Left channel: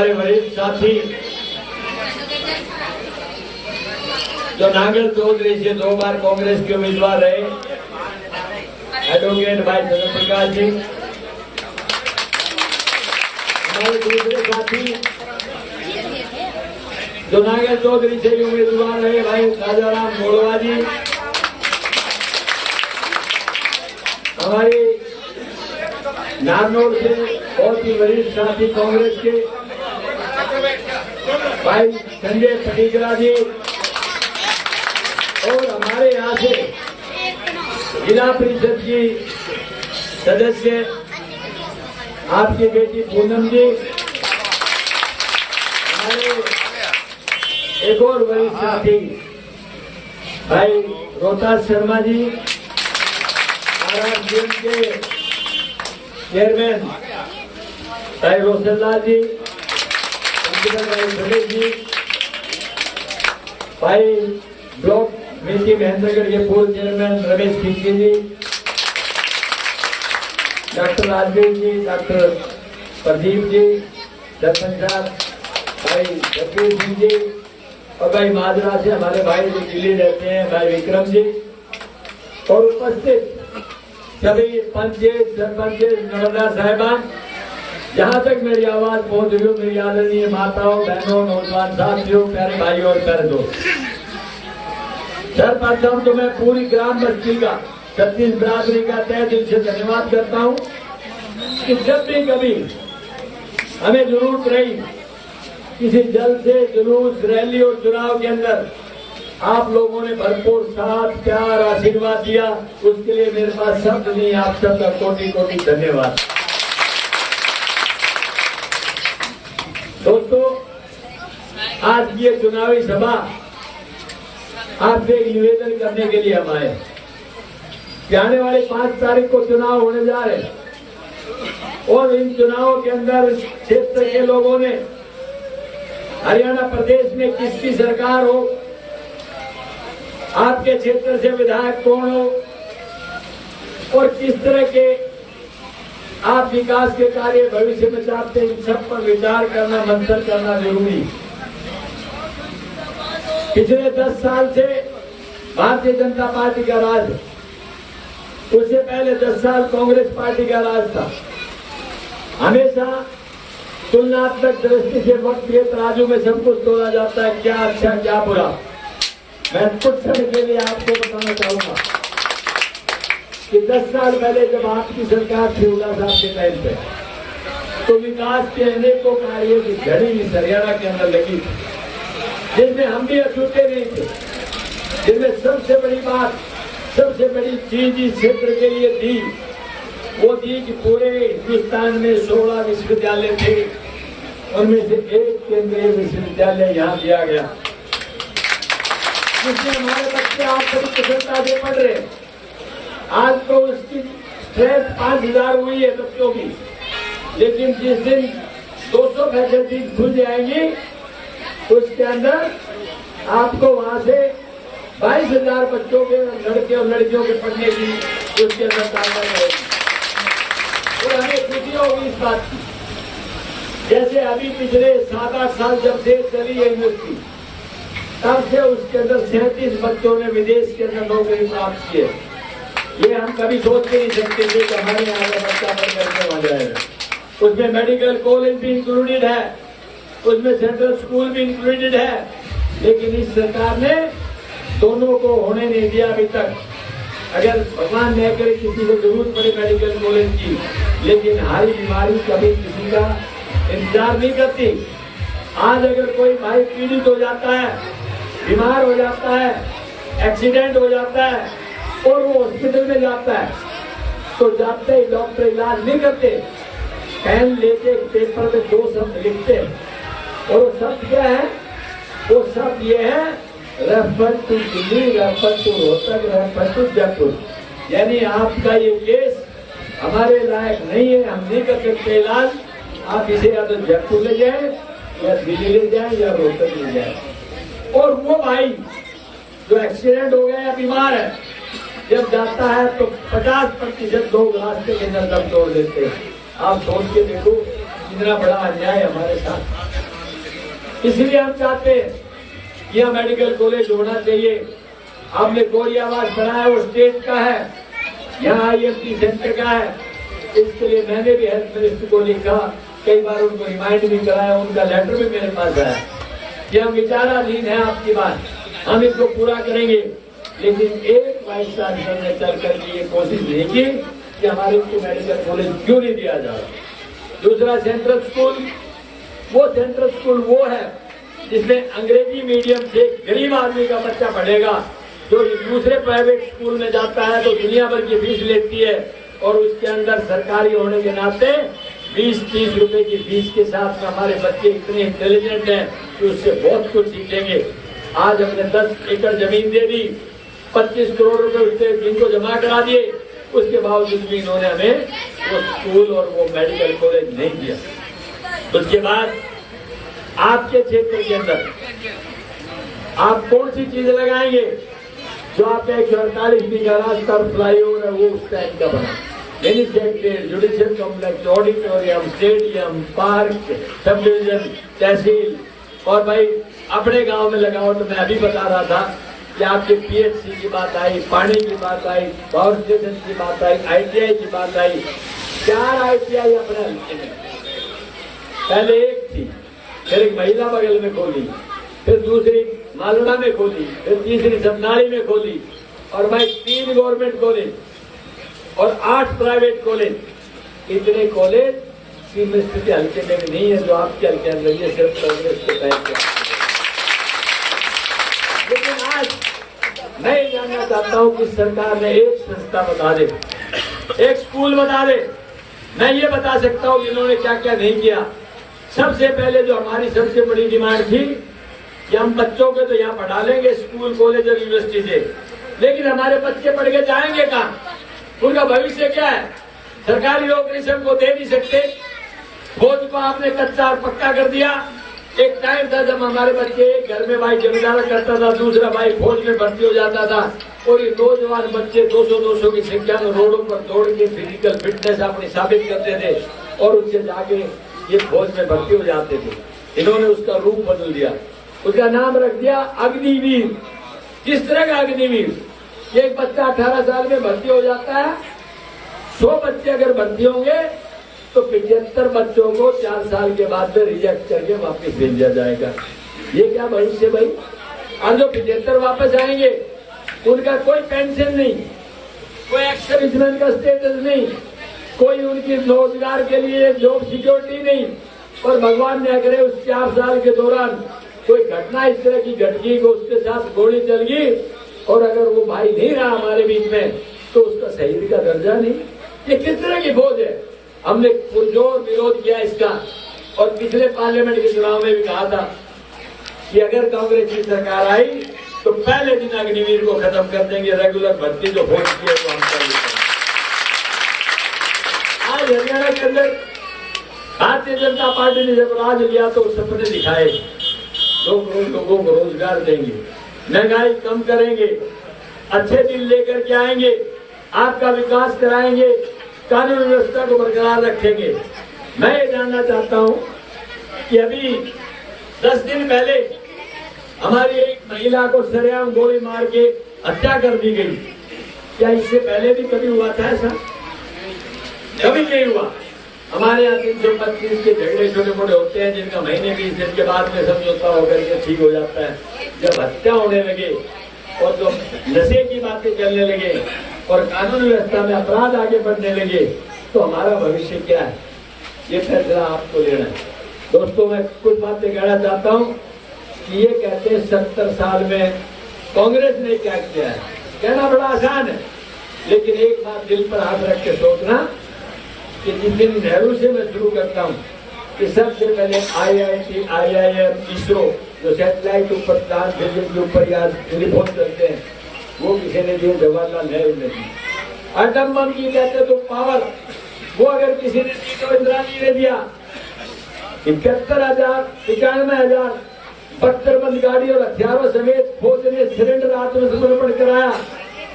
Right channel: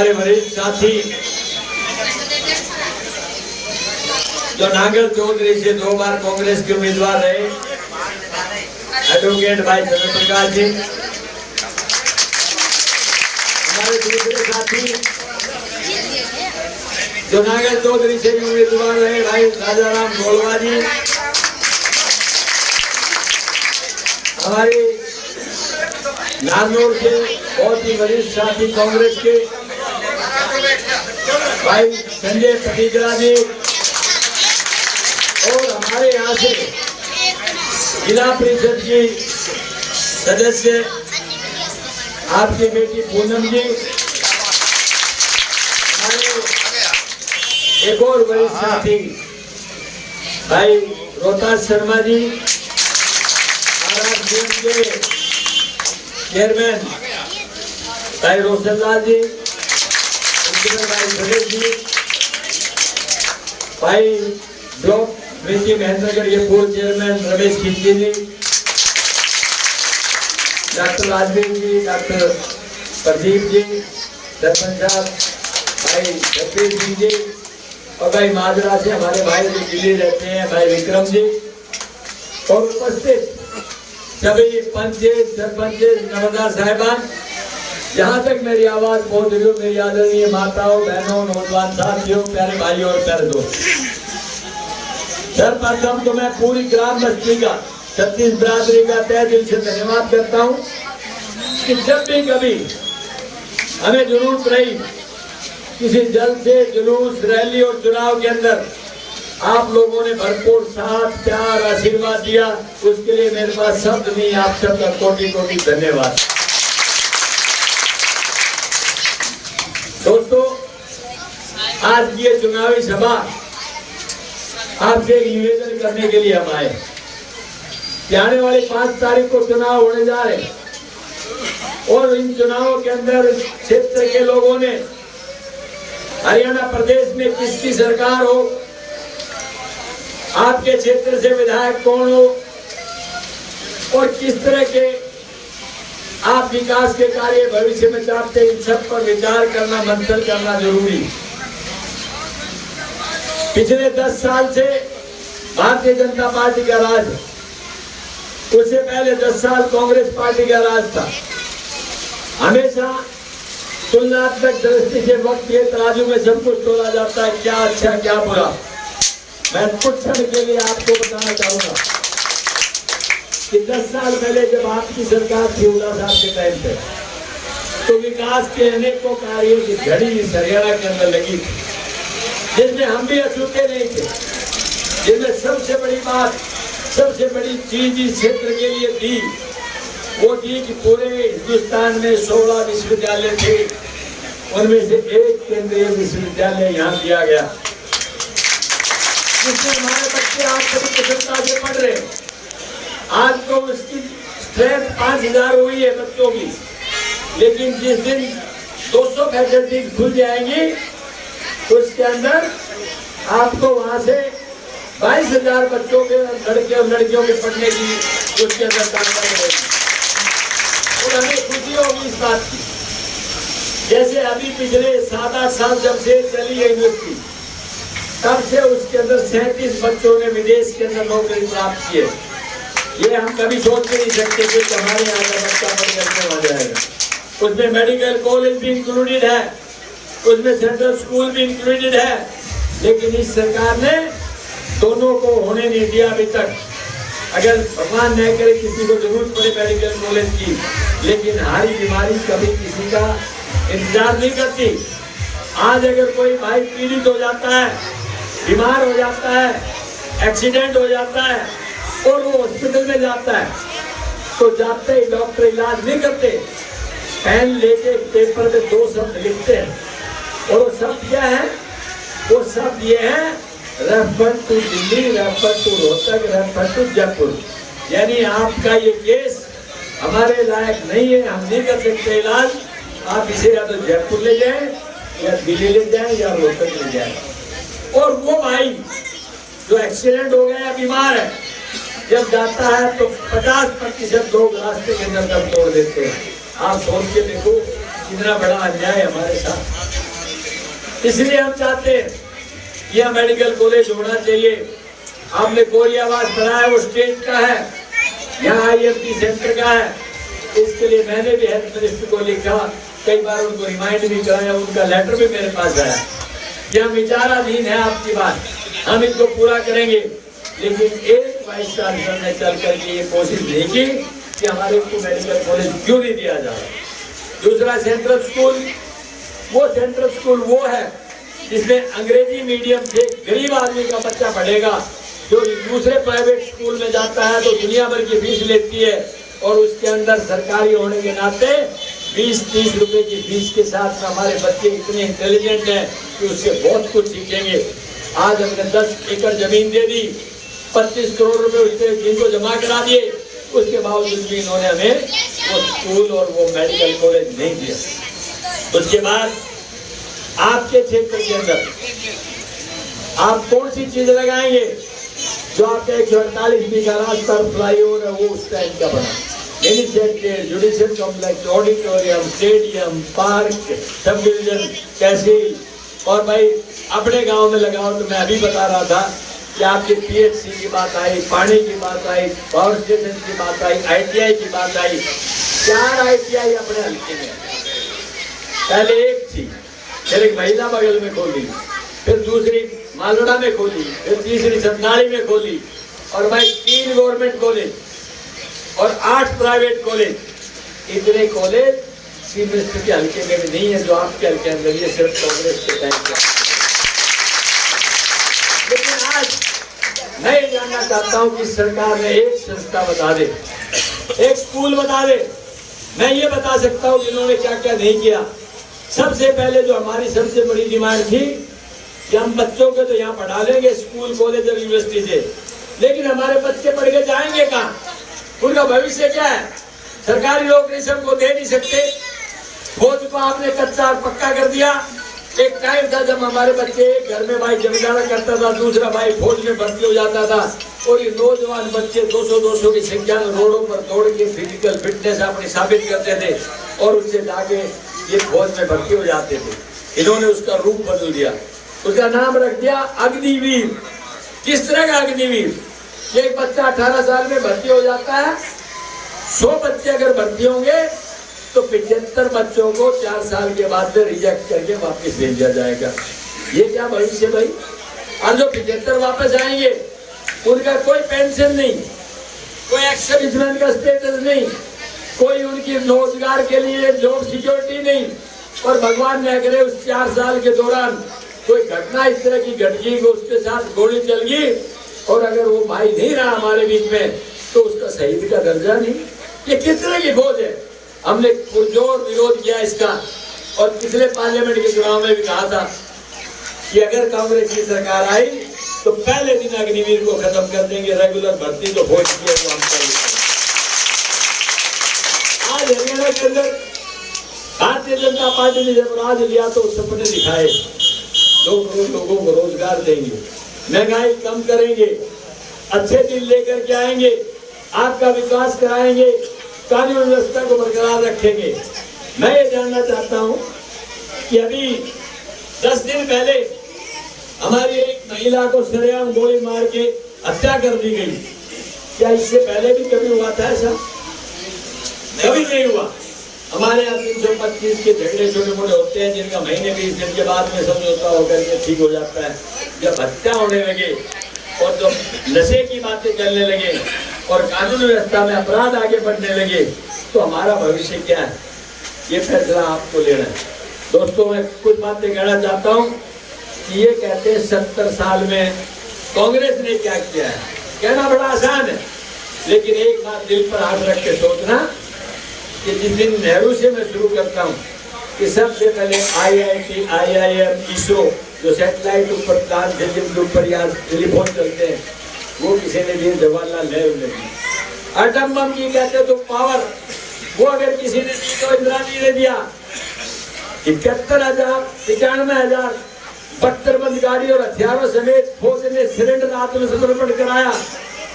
हमारे वरिष्ठ साथी जो नागल चौधरी से 2 बार कांग्रेस के उम्मीदवार रहे, एडवोकेट भाई चंद्र प्रकाश जी। हमारे दूसरे साथी जो नागल चौधरी से भी उम्मीदवार रहे, भाई राजाराम गोलवा जी। हमारे नागौर से बहुत ही वरिष्ठ साथी कांग्रेस के भाई संजय पटिकरा जी, और हमारे यहाँ से जिला परिषद की सदस्य आपकी बेटी पूनम जी, हमारे एक और वरिष्ठ साथी भाई रोहतास शर्मा जी, RRCM के चेयरमैन भाई रोशनलाल जी, भाई गणेश जी, भाई ब्लॉक मिर्ची महेंद्रगढ़ के पूर्व चेयरमैन रमेश खिंची जी, डॉक्टर राजवीर जी, डॉक्टर प्रदीप जी, सरपंच साहब भाई जगदीश सिंह जी, और भाई माजरा से हमारे भाई जो दिल्ली रहते हैं भाई विक्रम जी, और उपस्थित सभी पंच सरपंच नर्मदा साहिबान। जहाँ तक मेरी आवाज पहुंच रही हो, मेरी आदरणीय माताओं बहनों नौजवान साथियों प्यारे भाइयों और प्यारे दोस्त, सर्वप्रथम तो मैं पूरी ग्राम बस्ती का छत्तीस बिरादरी का तहे दिल से धन्यवाद करता हूँ कि जब भी कभी हमें जरूरत रही किसी जलसे जुलूस रैली और चुनाव के अंदर, आप लोगों ने भरपूर साथ प्यार आशीर्वाद दिया, उसके लिए मेरे पास शब्द नहीं, आप सबका कोटि कोटि धन्यवाद। दोस्तों, आज की ये चुनावी सभा आपसे एक निवेदन करने के लिए हम आए कि आने वाले 5 तारीख को चुनाव होने जा रहे, और इन चुनावों के अंदर क्षेत्र के लोगों ने हरियाणा प्रदेश में किसकी सरकार हो, आपके क्षेत्र से विधायक कौन हो, और किस तरह के आप विकास के कार्य भविष्य में चाहते हैं, इन सब पर विचार करना, मंथन करना जरूरी। पिछले 10 साल से भारतीय जनता पार्टी का राज, उससे पहले 10 साल कांग्रेस पार्टी का राज था। हमेशा तुलनात्मक दृष्टि से वक्त के तराजू में सब कुछ तोला जाता है, क्या अच्छा क्या बुरा। मैं कुछ क्षण के लिए आपको बताना चाहूंगा कि 10 साल पहले जब आपकी सरकार थी उल्ला साहब के टाइम पे, तो विकास के अनेकों कार्यों की घड़ी इस हरियाणा के अंदर लगी थी, जिसमें हम भी अछूते नहीं थे, जिसमें सबसे बड़ी बात, सबसे बड़ी चीज इस क्षेत्र के लिए थी, वो थी कि पूरे हिंदुस्तान में 16 विश्वविद्यालय थे, उनमें से एक केंद्रीय विश्वविद्यालय यहाँ दिया गया, जिसमें हमारे बच्चे आज बड़ी कुशलता से पढ़ रहे हैं। आज तो उसकी स्ट्रेंथ 5000 हुई है बच्चों की, लेकिन जिस दिन 200 फैकल्टी खुल जाएंगी, उसके अंदर आपको वहां से 22,000 बच्चों के लड़के और लड़कियों के पढ़ने की उसके अंदर ताकत रहेगी, और हमें खुशी होगी इस बात की। जैसे अभी पिछले 7-8 साल जब से चली है यूनिवर्सिटी, तब से उसके अंदर 37 बच्चों ने विदेश के अंदर नौकरी प्राप्त की है। ये हम कभी सोच के नहीं सकते थे कि हमारे यहाँ का बच्चा पढ़ करके आ जाएगा। उसमें मेडिकल कॉलेज भी इंक्लूडेड है, उसमें सेंट्रल स्कूल भी इंक्लूडेड है, लेकिन इस सरकार ने दोनों को होने नहीं दिया अभी तक। अगर भगवान न करे किसी को जरूरत पड़े मेडिकल कॉलेज की, लेकिन हारी बीमारी कभी किसी का इंतजार नहीं करती। आज अगर कोई भाई पीड़ित हो जाता है, बीमार हो जाता है, एक्सीडेंट हो जाता है और वो हॉस्पिटल में जाता है, तो जाते ही डॉक्टर इलाज नहीं करते, पेन लेके पेपर पे 2 शब्द लिखते हैं, और वो शब्द क्या है? वो शब्द ये है, refer to Delhi, refer to Rohtak, refer to Jaipur. यानी आपका ये केस हमारे लायक नहीं है, हम नहीं कर सकते इलाज, आप इसे या तो जयपुर ले जाए, या दिल्ली ले जाए, या रोहतक ले जाए। और वो भाई जो एक्सीडेंट हो गया या बीमार है, जब जाता है तो 50% लोग रास्ते के अंदर दम तोड़ देते हैं। आप सोच के देखो कितना बड़ा अन्याय हमारे साथ। इसलिए हम चाहते हैं कि यहाँ मेडिकल कॉलेज होना चाहिए। हमने कोरियावास बनाया, वो स्टेट का है, यहाँ IMT सेंटर का है। इसके लिए मैंने भी हेल्थ मिनिस्टर को लिखा, कई बार उनको रिमाइंड भी कराया, उनका लेटर भी मेरे पास आया। यह विचाराधीन है आपकी बात, हम इसको पूरा करेंगे। लेकिन एक वाइस चांसलर ने चल करके ये कोशिश नहीं की कि हमारे को मेडिकल कॉलेज क्यों नहीं दिया जा रहा। दूसरा सेंट्रल स्कूल, वो सेंट्रल स्कूल वो है जिसमें अंग्रेजी मीडियम से गरीब आदमी का बच्चा पढ़ेगा, जो दूसरे प्राइवेट स्कूल में जाता है तो दुनिया भर की फीस लेती है, और उसके अंदर सरकारी होने के नाते 20-30 रुपए की फीस के साथ हमारे बच्चे इतने इंटेलिजेंट हैं कि उससे बहुत कुछ सीखेंगे। आज हमने 10 एकड़ जमीन दे दी, 25 करोड़ रुपए उससे जिनको जमा करा दिए, उसके बावजूद भी इन्होंने हमें वो स्कूल और वो मेडिकल कॉलेज नहीं दिया। उसके बाद आपके क्षेत्र के अंदर आप कौन सी चीज लगाएंगे? जो आपका 148 बीघा रास्ता फ्लाईओवर है, वो उस टाइम का बना, judicial complex, auditorium, stadium, park, subdivision, tehsil. और भाई अपने गांव में लगाओ तो मैं अभी बता रहा था कि आपके PHC की बात आई, पानी की बात आई, पावर स्टेशन की बात आई, ITI की बात आई। 4 ITI अपने हल्के में, पहले एक थी, फिर एक महिला बगल में खोली, फिर दूसरी मालड़ा में खोली, फिर तीसरी सतनाड़ी में खोली, और भाई 3 गवर्नमेंट कॉलेज और 8 प्राइवेट कॉलेज। इतने कॉलेज चीफ मिनिस्टर के हल्के में भी नहीं है जो आपके हल्के अंदर, ये सिर्फ कांग्रेस के तहत। लेकिन आज मैं ये जानना चाहता हूँ कि सरकार ने एक संस्था बता दे, एक स्कूल बता दे। मैं ये बता सकता हूँ कि इन्होंने क्या क्या नहीं किया। सबसे पहले जो हमारी सबसे बड़ी डिमांड थी कि हम बच्चों को तो यहाँ पढ़ा लेंगे स्कूल, कॉलेज और यूनिवर्सिटी से, लेकिन हमारे बच्चे पढ़ के जाएंगे कहाँ? उनका भविष्य क्या है? सरकारी नौकरी से उनको दे नहीं सकते। फौज को आपने कच्चा और पक्का कर दिया। एक टाइम था जब हमारे बच्चे घर में भाई जमींदारा करता था, दूसरा भाई फौज में भर्ती हो जाता था, और ये नौजवान बच्चे 200 की संख्या में रोडों पर दौड़ के फिजिकल फिटनेस अपनी साबित करते थे, और उससे जाके ये फौज में भर्ती हो जाते थे। इन्होंने उसका रूप बदल दिया, उसका नाम रख दिया अग्निवीर। किस तरह का अग्निवीर? एक बच्चा 18 साल में भर्ती हो जाता है, 100 बच्चे अगर भर्ती होंगे तो 75 बच्चों को 4 साल के बाद में रिजेक्ट करके वापस भेज दिया जाएगा। ये क्या भविष्य भाई? और जो 75 वापस आएंगे उनका कोई पेंशन नहीं, कोई एक्स-सर्विसमैन का स्टेटस नहीं, कोई उनकी रोजगार के लिए जॉब सिक्योरिटी नहीं, और भगवान ने अगर उस 4 साल के दौरान कोई घटना इस तरह की घट गई, उसके साथ गोली चल गई, और अगर वो भाई नहीं रहा हमारे बीच में, तो उसका शहीद का दर्जा नहीं। ये किस तरह की फौज है? हमने पुरजोर विरोध किया इसका, और पिछले पार्लियामेंट के चुनाव में भी कहा था कि अगर कांग्रेस की सरकार आई तो पहले दिन अग्निवीर को खत्म कर देंगे। रेगुलर भर्ती जो फौज की है वो हम कर देंगे। आज हरियाणा के अंदर भारतीय जनता पार्टी ने जब राज लिया तो सपने दिखाए, 2 करोड़ लोगों को रोजगार देंगे, महंगाई कम करेंगे, अच्छे दिन लेकर के आएंगे, आपका विकास कराएंगे, कानून व्यवस्था को बरकरार रखेंगे। मैं ये जानना चाहता हूँ कि अभी 10 दिन पहले हमारी एक महिला को सरेआम गोली मार के हत्या कर दी गई। क्या इससे पहले भी कभी हुआ था ऐसा? कभी नहीं हुआ। हमारे यहाँ 325 के झगड़े छोटे मोटे होते हैं जिनका महीने 20 दिन के बाद में समझौता होकर के ठीक हो जाता है। जब हत्या होने लगे और जो नशे की बातें करने लगे और कानून व्यवस्था में अपराध आगे बढ़ने लगे, तो हमारा भविष्य क्या है? ये फैसला आपको लेना है। दोस्तों, मैं कुछ बातें कहना चाहता हूँ कि ये कहते हैं 70 साल में कांग्रेस ने क्या किया है। कहना बड़ा आसान है, लेकिन एक बात दिल पर हाथ रख के सोचना कि जिस दिन नेहरू से मैं शुरू करता हूँ कि सबसे पहले IIT, IIM, ISRO जो सैटेलाइट ऊपर प्लान थे जिनके ऊपर आज टेलीफोन चलते हैं, वो किसी ने दिया, जवाहरलाल नेहरू ने दी। एटम बम की कहते तो पावर, वो अगर किसी ने दी तो इंदिरा जी ने दिया। 71,000, 95,000 बख्तरबंद गाड़ी और हथियारों समेत फौज ने सिलेंडर आत्मसमर्पण कराया,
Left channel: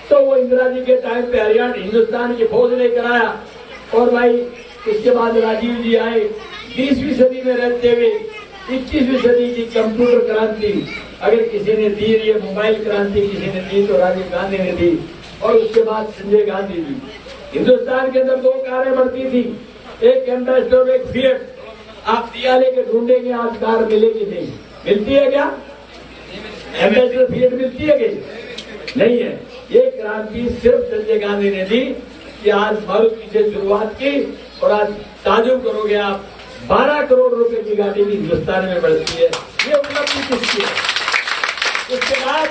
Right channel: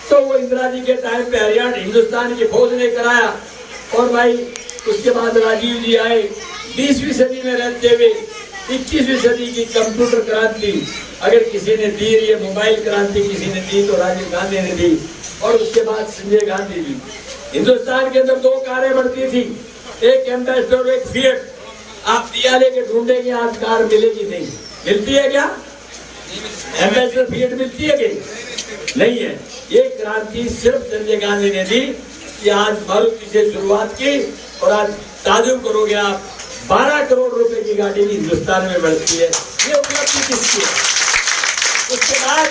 तो वो इंदिरा जी के टाइम पे हरियाणा हिंदुस्तान की फौज ने कराया। और भाई उसके बाद राजीव जी आए, 20वीं सदी में रहते हुए 21वीं सदी की कंप्यूटर क्रांति अगर किसी ने दी, ये मोबाइल क्रांति किसी ने दी तो राजीव गांधी ने दी, और उसके बाद संजय गांधी दी। हिंदुस्तान के अंदर 2 कारें बढ़ती थी, एक एम्बेसडर और एक फिएट। आप दिया लेके ढूंढेंगे आज कार मिलेगी नहीं, मिलती है क्या? एम्बेसडर फिएट मिलती है कि नहीं है? ये क्रांति सिर्फ संजय गांधी ने दी कि आज मारुति से शुरुआत की, और आज ताजुब करोगे आप 12 करोड़ रुपए की गाड़ी भी हिंदुस्तान में बढ़ती है। ये उपलब्धि किसकी है? उसके बाद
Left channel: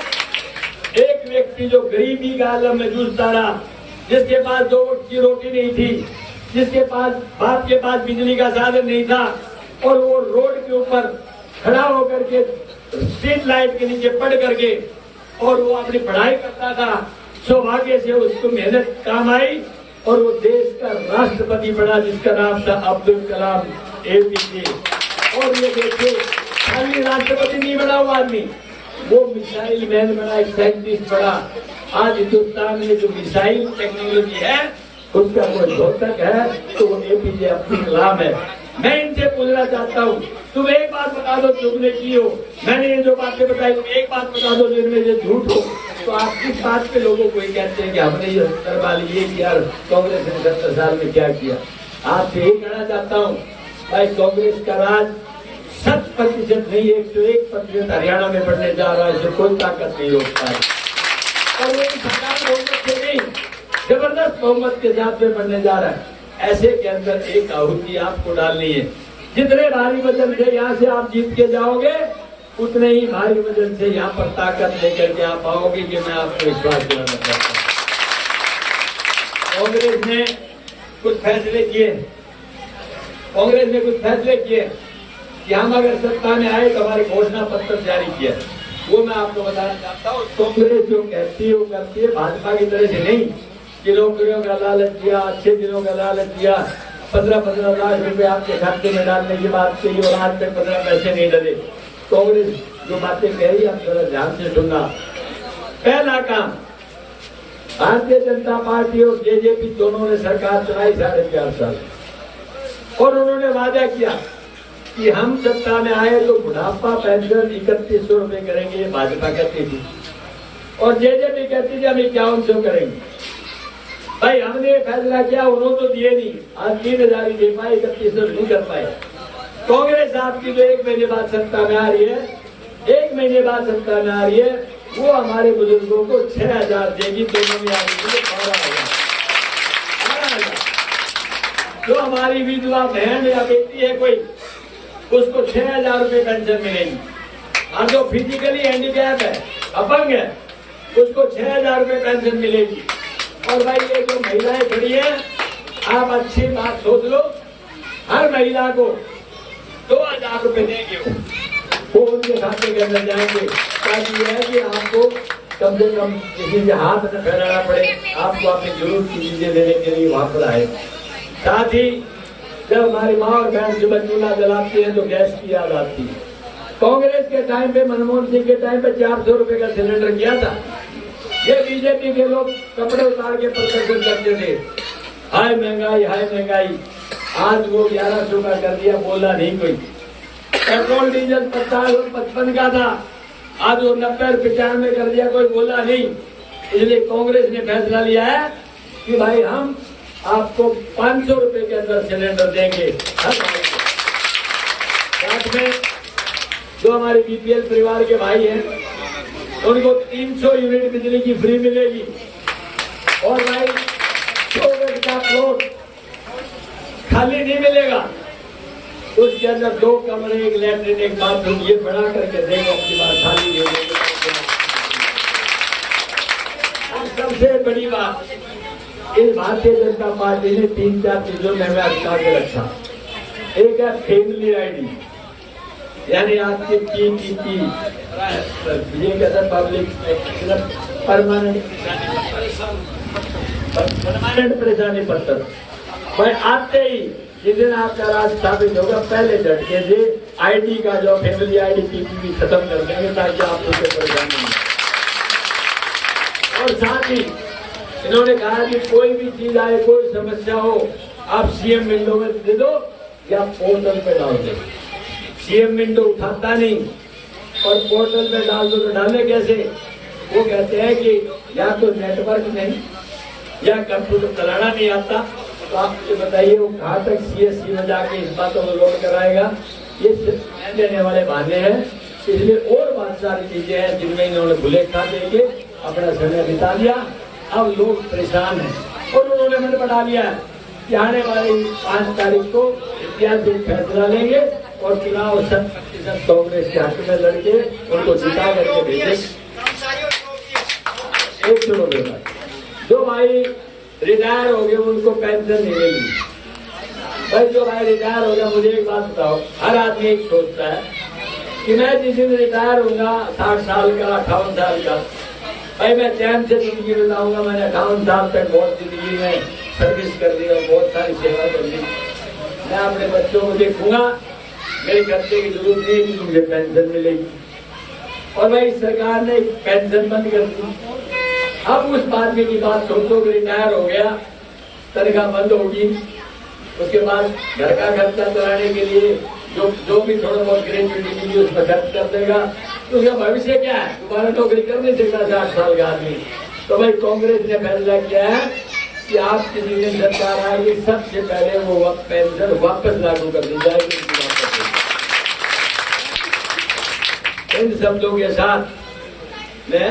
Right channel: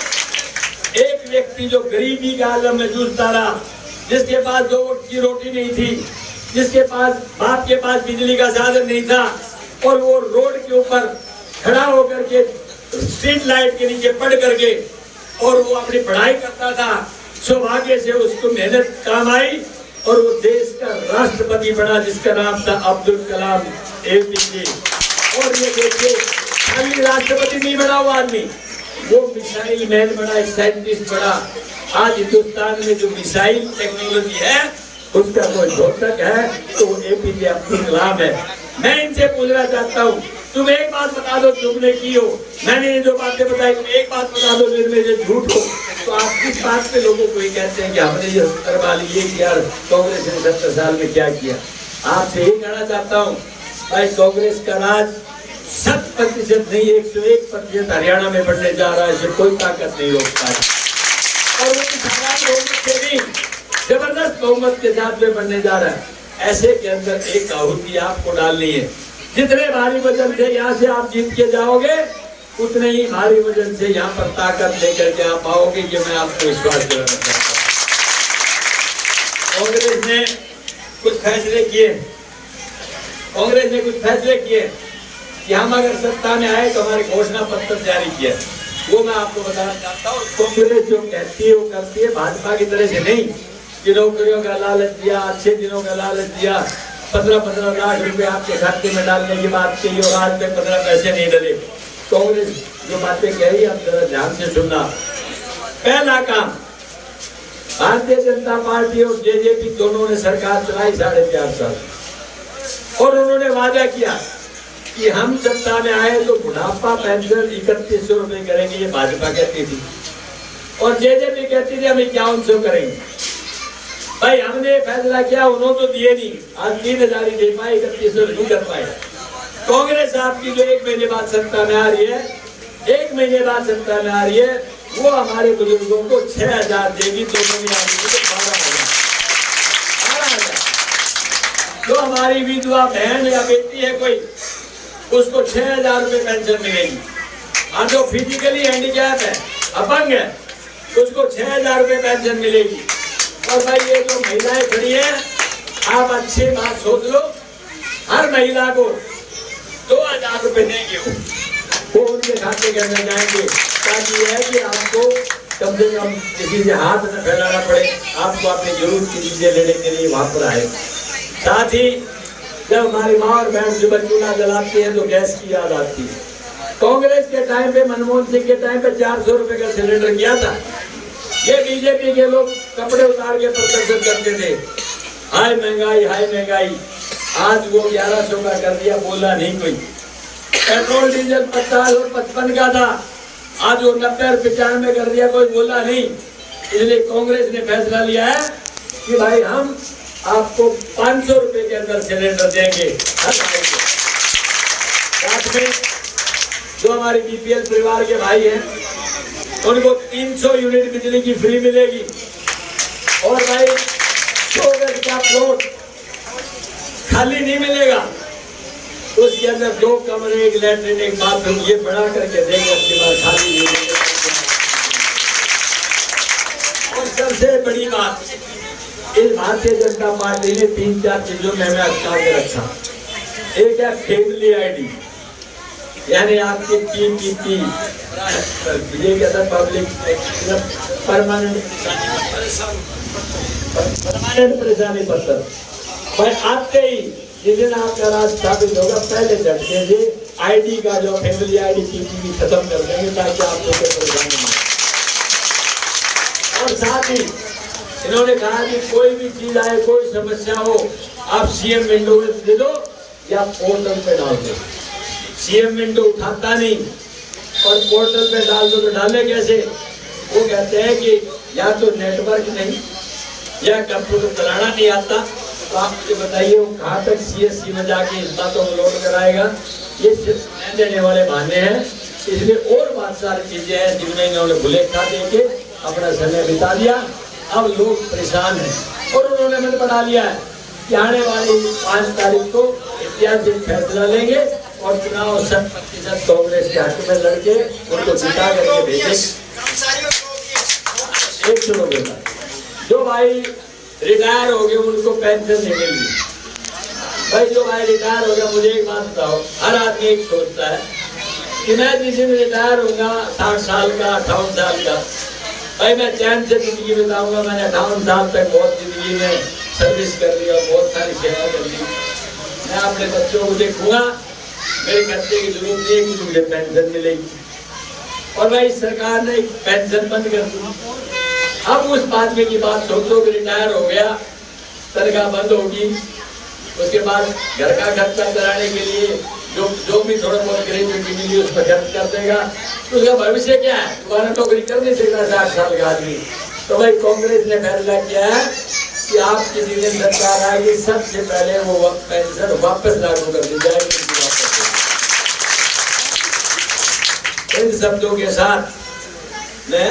एक व्यक्ति जो गरीबी का आलम में जूझता रहा, जिसके पास 2 वक्त की रोटी नहीं थी, जिसके पास बाप के पास बिजली का साधन नहीं था, और वो रोड के ऊपर खड़ा होकर के स्ट्रीट लाइट के नीचे पढ़ करके और वो अपनी पढ़ाई करता था, सौभाग्य से उसको मेहनत काम आई और वो देश का राष्ट्रपति बना, जिसका नाम था अब्दुल कलाम APJ। और ये देखो, खाली राष्ट्रपति नहीं बना वो आदमी, वो मिसाइल मैन बना, एक साइंटिस्ट बना। आज हिंदुस्तान में जो मिसाइल टेक्नोलॉजी है उसका कोई द्योतक है तो वो APJ अब्दुल कलाम है। मैं इनसे पूछना चाहता हूँ, तुम एक बात बता दो तुमने की हो, मैंने ये जो बातें बताई, तुम एक बात बता दो जिनमें ये झूठ हो। तो आप किस बात पे लोगों को ये कहते हैं कि हमने ये 70 साल ये किया, कांग्रेस ने 70 साल में क्या किया? आपसे यही कहना चाहता हूँ भाई, कांग्रेस का राज 100% नहीं 101% हरियाणा में बढ़ने जा रहा है, इसे कोई ताकत नहीं रोक पाई। और वो बहुमत से नहीं, जबरदस्त बहुमत के साथ में बढ़ने जा रहा है। ऐसे के अंदर एक आहुति आपको डालनी है, जितने भारी वजन से यहाँ से आप जीत के जाओगे, उतने ही भारी वजन से यहाँ पर ताकत लेकर के आप आओगे, ये मैं आपको विश्वास दिलाना चाहता हूँ। कांग्रेस ने कुछ फैसले किए, कि हम अगर सत्ता में आए तो हमारे घोषणा पत्र जारी किया, वो मैं आपको बताना चाहता हूँ। कांग्रेस जो कहती है वो करती है, भाजपा की तरह से नहीं कि नौकरियों का लालच दिया, अच्छे दिनों का लालच दिया, 15-15 लाख रुपए आपके खाते में डालने की बात कही और आज में 15 पैसे नहीं डले। कांग्रेस जो बातें कही आप जरा ध्यान से सुनना। पहला काम, भारतीय जनता पार्टी और JJP दोनों ने सरकार चलाई 4.5 साल, और उन्होंने वादा किया कि हम सत्ता में आए तो बुढ़ापा पेंशन 3100 रुपए करेंगे, ये भाजपा कहती थी, और JJP कहती थी हम 5100 करेंगे। भाई हमने फैसला किया, उन्होंने तो दिए नहीं, आज 3000 ही दे पाए, 3100 नहीं कर पाए। कांग्रेस आपकी जो 1 महीने बाद सत्ता में आ रही है, 1 महीने बाद सत्ता में आ रही है, वो हमारे बुजुर्गों को 6000 देगी, दोनों में आगे 12,000। जो हमारी विधवा बहन या बेटी है कोई, उसको 6000 रुपए पेंशन मिलेगी। और जो फिजिकली हैंडीकैप है, अपंग है, उसको 6000 रुपए पेंशन मिलेगी। और भाई ये जो महिलाएं खड़ी है, आप अच्छी बात सोच लो, हर महिला को 2000 रुपए देंगे, वो उनके खाते के अंदर जाएंगे, ताकि यह है कि आपको कम से कम किसी से हाथ न फैलाना पड़े, आपको अपनी जरूरत की चीजें लेने के लिए वहां पर आए। साथ ही जब हमारी माँ और बहन सुबह चूल्हा जलाती है तो गैस की याद आती है। कांग्रेस के टाइम पे, मनमोहन सिंह के टाइम पे 400 रुपए का सिलेंडर किया था। ये बीजेपी के लोग कपड़े उतार के प्रदर्शन करते थे, हाय महंगाई, हाय महंगाई। आज वो 1100 का कर दिया, बोला नहीं कोई। पेट्रोल डीजल 50 और 55 का था, आज वो 90 और 95 कर दिया, कोई बोला नहीं। इसलिए कांग्रेस ने फैसला लिया है कि भाई हम आपको 500 रुपए के अंदर सिलेंडर देंगे हर भाई को। साथ में जो हमारे BPL परिवार के भाई हैं, उनको 300 यूनिट बिजली की फ्री मिलेगी। और भाई 100 गज का प्लॉट खाली नहीं मिलेगा, उसके अंदर 2 कमरे, 1 लैट्रिन, 1 बाथरूम, ये बना करके देंगे, अपनी बार खाली नहीं देंगे। और सबसे बड़ी बात, इस भारतीय जनता पार्टी ने 3-4 चीजों में अटका के रखा। एक है फैमिली ID, यानी आपके PPP, ये कहता है पब्लिक परमानेंट परेशानी पत्र। भाई आते ही जिस दिन आपका राज स्थापित होगा, पहले झटके से ID का जो फैमिली ID PPP खत्म कर देंगे, ताकि आपको परेशानी नहीं। और साथ ही इन्होंने कहा कि कोई भी चीज आए, कोई समस्या हो, आप CM विंडो में दे दो या पोर्टल पे डाल दो। सीएम विंडो उठाता नहीं और पोर्टल पे डाल दो तो डाले कैसे? वो कहते हैं कि या तो नेटवर्क नहीं या कंप्यूटर चलाना नहीं आता। तो आप मुझे बताइए वो कहाँ तक सीएससी में जाके इस बातों को लोड कराएगा? ये सिर्फ देने वाले बहाने हैं। इसलिए और बहुत सारी चीजें हैं जिनमें इन्होंने भूले खा देके अपना समय बिता दिया। अब लोग परेशान हैं और उन्होंने मन बना लिया है कि आने वाली 5 तारीख को ऐतिहासिक फैसला लेंगे और चुनाव 100% कांग्रेस के हक में लड़के उनको जिता करके भेजेंगे। जो भाई रिटायर हो गए उनको पेंशन नहीं मिली। भाई जो भाई रिटायर हो गया, मुझे एक बात बताओ, हर आदमी एक सोचता है कि मैं जिस दिन रिटायर होगा 60 साल का 58 साल का, भाई मैं चैन से जिंदगी बिताऊंगा। मैंने 58 साल तक बहुत जिंदगी में सर्विस कर दी और बहुत सारी सेवा कर दी। मैं अपने बच्चों को देखूंगा, मेरे खर्चे की जरूरत नहीं कि मुझे पेंशन मिलेगी। और भाई सरकार ने पेंशन बंद कर दी। अब उस बात में की बात सोचो कि रिटायर हो गया, तनख्वाह बंद होगी, उसके बाद घर का खर्चा कराने के लिए जो भी थोड़ा बहुत ग्रेजुएटी मिली उसमें खर्च कर देगा। उसका भविष्य क्या है? दोबारा नौकरी कर नहीं सकता 60 साल का आदमी। तो भाई कांग्रेस ने फैसला किया है कि आपकी जितनी सरकार आएगी सबसे पहले वो पेंशन वापस लागू कर दी जाएगी। इन शब्दों के साथ मैं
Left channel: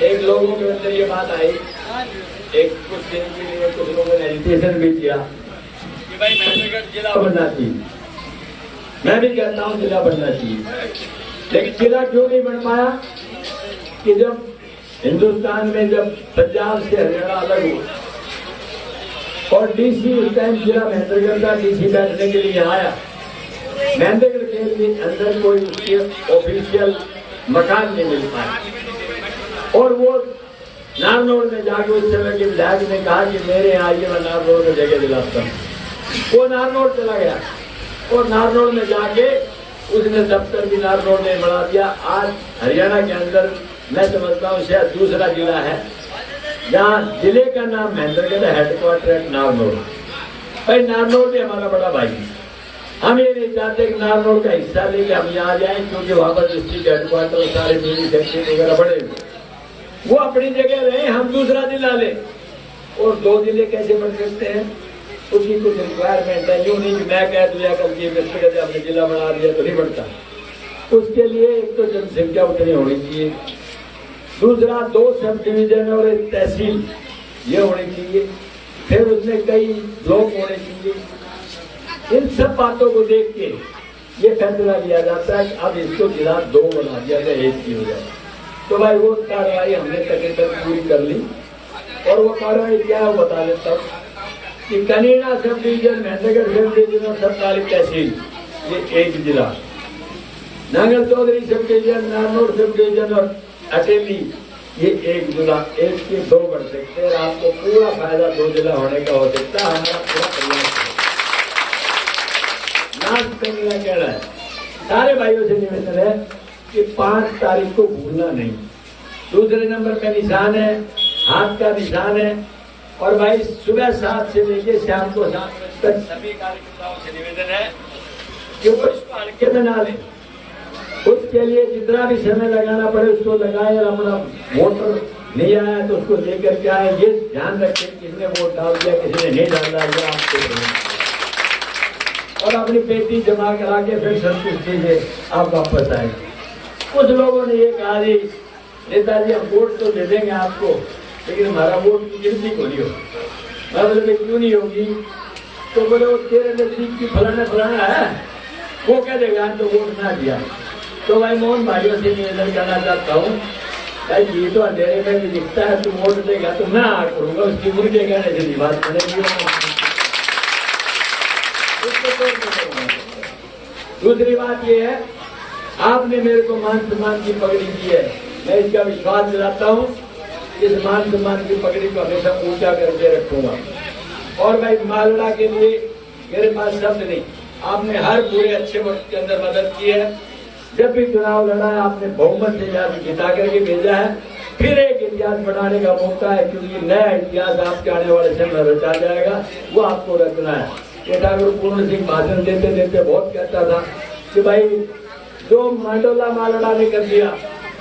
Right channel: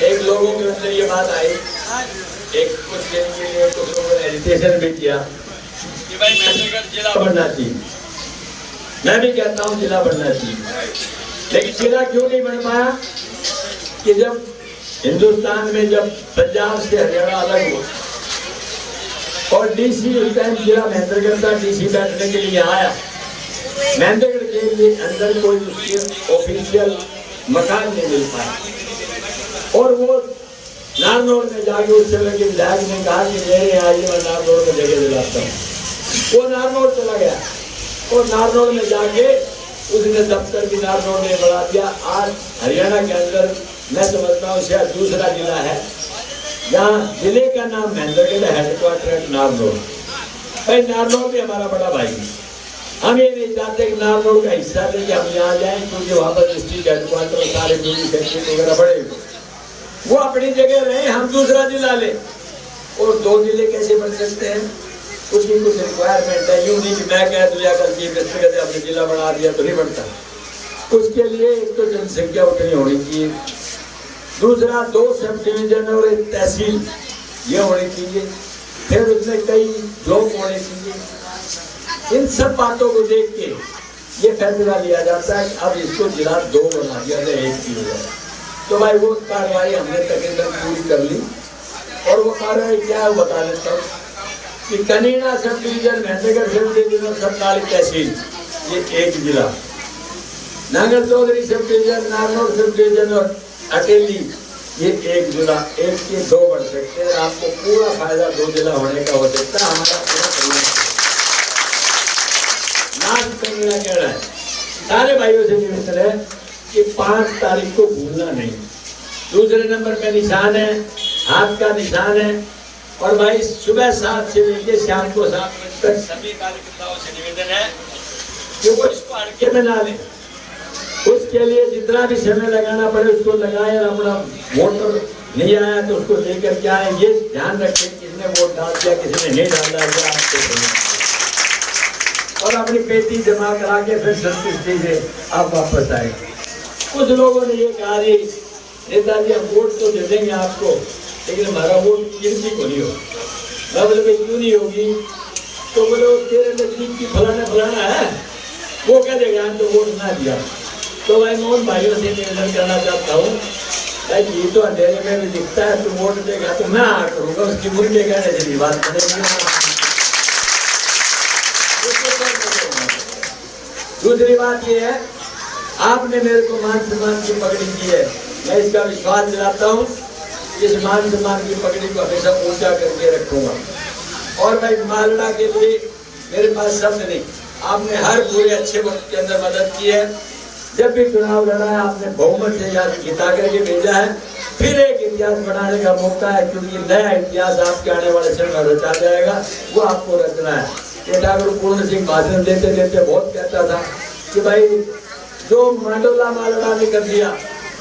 एक लोगों के अंदर ये बात आई, एक कुछ दिन के लिए कुछ लोगों ने एजुकेशन भी किया कि भाई मेहंदीगढ़ जिला बनना चाहिए। मैं भी कहता हूँ जिला बनना चाहिए, लेकिन जिला क्यों नहीं बन पाया? कि जब हिंदुस्तान में जब पंजाब से हरियाणा अलग हुआ और डीसी उस टाइम जिला महेंद्रगढ़ का डीसी बैठने के लिए आया, महेंद्रगढ़ के लिए अंदर कोई उसकी ऑफिशियल मकान नहीं मिल पाया और वो नारनौल में जाके उस समय के विधायक ने कहा कि मेरे यहाँ आइए, मैं नारनौल में जगह दिलाता हूँ। वो नारनौल चला गया और नारनौल में जाके उसने दफ्तर भी नारनौल में बढ़ा दिया। आज हरियाणा के अंदर मैं समझता हूँ शायद दूसरा जिला है जहाँ जिले का नाम महेंद्रगढ़, हेडक्वार्टर है नारनौल। भाई नारनौल भी हमारा बड़ा भाई है। हम ये नहीं चाहते कि नारनौल का हिस्सा लेके हम यहाँ जाए, क्योंकि वहाँ पर डिस्ट्रिक्ट हेडक्वार्टर सारे बिजली फैक्ट्री वगैरह बड़े वो अपनी जगह रहे, हम दूसरा जिला ले। और 2 जिले कैसे बन सकते हैं? उसकी कुछ रिक्वायरमेंट है। यूँ नहीं कि मैं कह दूँ या कल की व्यक्तिगत आपने जिला बना दिया तो नहीं बनता। उसके लिए एक तो जनसंख्या उतनी होनी चाहिए, दूसरा 2 सब डिवीजन और 1 तहसील ये होनी चाहिए, फिर उसमें कई लोग होने चाहिए। इन सब बातों को देख के ये फैसला लिया जाता है कि अब इसको जिला 2 बना दिया जाए, 1 की हो जाए। तो भाई वो कार्रवाई हमने तकरीबन पूरी कर ली और वो कार्रवाई क्या है बता देता हूँ कि Kanina sub division, Mahendragarh sub division, 47 तहसील ये 1 जिला, Nangal Chaudhary sub division, Narnaul sub division और अकेली ये 1 जिला। 1 के 2 बढ़ सकते हैं। आपको पूरा फायदा 2 जिला होने का हो सकता है। हमारा पूरा करीना कह रहा है सारे भाइयों से निवेदन है कि 5 तारीख को भूलना नहीं। दूसरे नंबर पे निशान है, हाथ का निशान है। और भाई सुबह 7 से लेकर शाम को 7 बजे तक सभी कार्यकर्ताओं से निवेदन है कि वो इसको हल्के में ना लें। उसके लिए जितना भी समय लगाना पड़े उसको लगाए। अपना वोटर नहीं आया तो उसको लेकर के आए। ये ध्यान रखें किसने वोट डाल दिया, किसने नहीं डाल दिया आपको, और अपनी पेटी जमा करा के फिर संतुष्टि से आप वापस आए। कुछ लोगों ने ये कहा जी नेताजी हम वोट तो दे देंगे आपको, लेकिन हमारा वोट गिनती को नहीं होगा। मैं बोले क्यों नहीं होगी? तो बोले तेरे नजदीक की फलाना है, वो कह देगा तो वोट ना दिया। तो भाई मोहन भाइयों से निवेदन करना चाहता हूँ, भाई ये तो अंधेरे में भी दिखता है, तो वोट देगा तो मैं आ करूँगा, उसकी मुर्गे कहने से बात करेंगे। दूसरी बात ये है, आपने मेरे को मान सम्मान की पगड़ी दी है, मैं इसका विश्वास दिलाता हूँ इस मान सम्मान की पगड़ी को हमेशा ऊंचा करके रखूंगा। और भाई मालड़ा के लिए मेरे पास शब्द नहीं, आपने हर पूरे अच्छे वक्त के अंदर मदद की है। जब भी चुनाव लड़ा है आपने बहुमत से याद जिता करके भेजा है। फिर एक इतिहास बनाने का मौका है, क्योंकि नया इतिहास आपके आने वाले समय में रचा जाएगा, वो आपको रचना है। ठाकुर पूर्ण सिंह भाषण देते देते बहुत कहता था कि भाई जो मांडोला मालड़ा ने कर दिया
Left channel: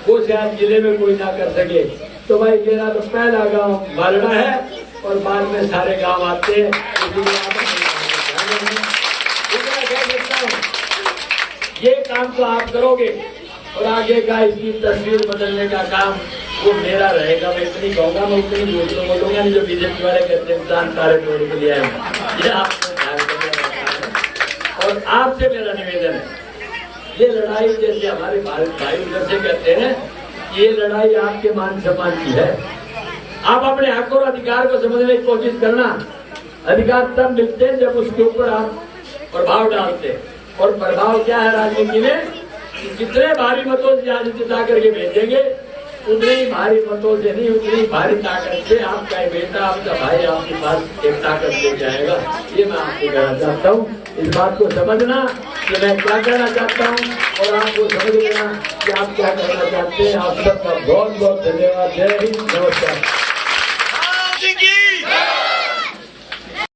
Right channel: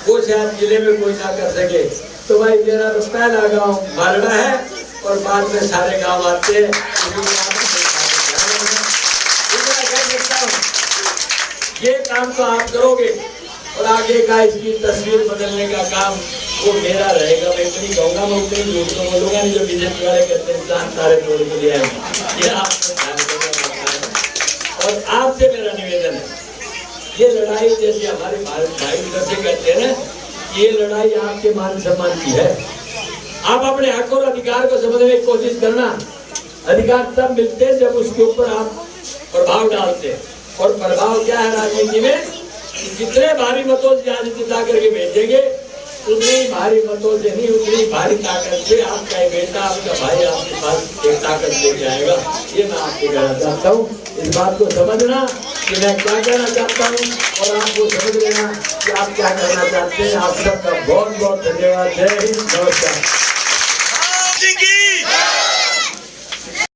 वो शायद जिले में कोई ना कर सके। तो भाई मेरा तो पहला गांव मालड़ा है और बाद में सारे गांव आते हैं। ये काम तो आप करोगे और आगे का इसकी तस्वीर बदलने का काम वो मेरा रहेगा। मैं इतनी कहूँगा, मैं उतनी दूसरों बोलूँगा नहीं जो बीजेपी वाले कहते हैं इंसान सारे तोड़ के लिए ये आपको ध्यान रखना है। और आपसे मेरा निवेदन है, ये लड़ाई जैसे हमारे भारत भाई उधर से कहते हैं, ये लड़ाई आपके मान सम्मान की है। आप अपने हक और अधिकार को समझने की कोशिश करना। अधिकार तब मिलते हैं जब उसके ऊपर आप प्रभाव डालते हैं। और प्रभाव क्या है राजनीति में, जितने भारी मतों से आज जिता करके भेजेंगे उतने ही भारी मतों से नहीं, उतनी भारी ताकत से आपका बेटा आपका भाई आपके पास एक ताकत ले जाएगा। ये मैं आपको कहना चाहता हूँ। इस बात को समझना कि मैं क्या कहना चाहता हूँ और आपको समझ लेना कि आप क्या कहना चाहते हैं। आप सबका बहुत बहुत धन्यवाद। जय हिंद, नमस्कार।